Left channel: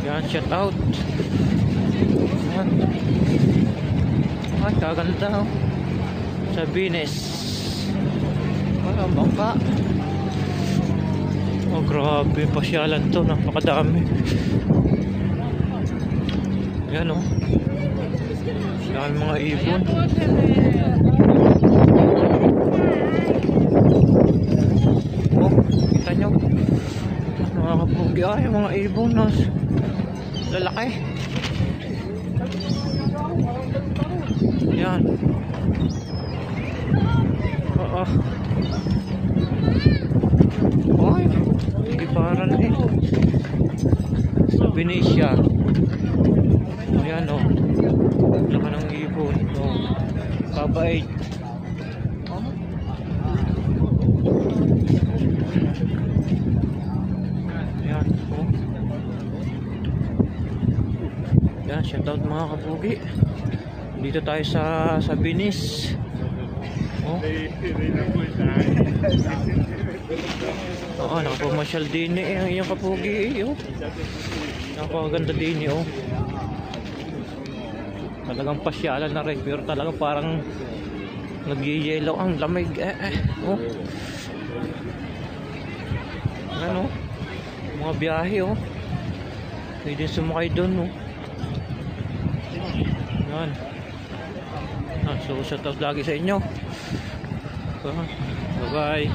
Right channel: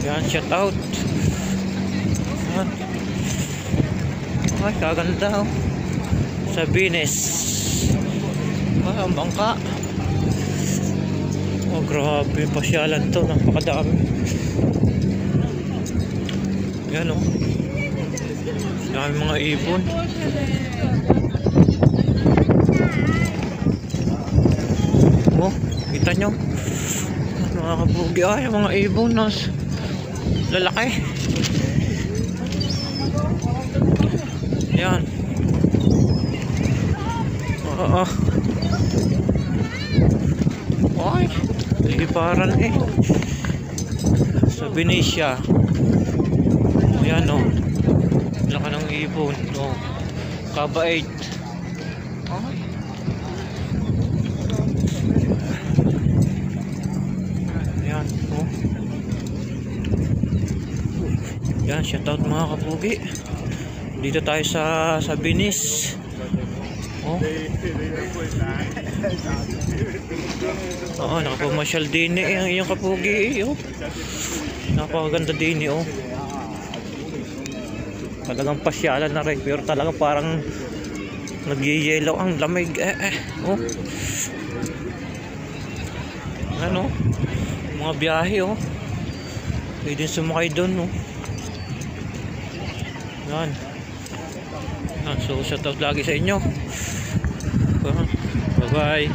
Yan, shout out. Yan. Ay, kaganda oh. Sa Venus. Ah, ang bangka. Oh, grabe yung pasyalan to. Napakadami. Yan oh. Dami mga ibon. Oh, kita nyo. Mga kabugi. Ay, mga ibon. Lalaki. Yan. Oo. Ay, liparan eh. Sa Venetia. O yan o. Laka ng ibon. O. Kabait. Yan o. Yan, shoutout mga kapugi. Dito tayo sa Venice. Oh. Oo, nakapamasyal din eh ang iyong kapugi eh. Oh. Napakaganda din eh oh. Talagang pasyalan na rin, pero talagang parang nagyayelaw ang lamig oh. Ano? Mga biyahe oh. Pwede sumakay doon oh. Yan. So shout out lagi sa inyo. Bye bye.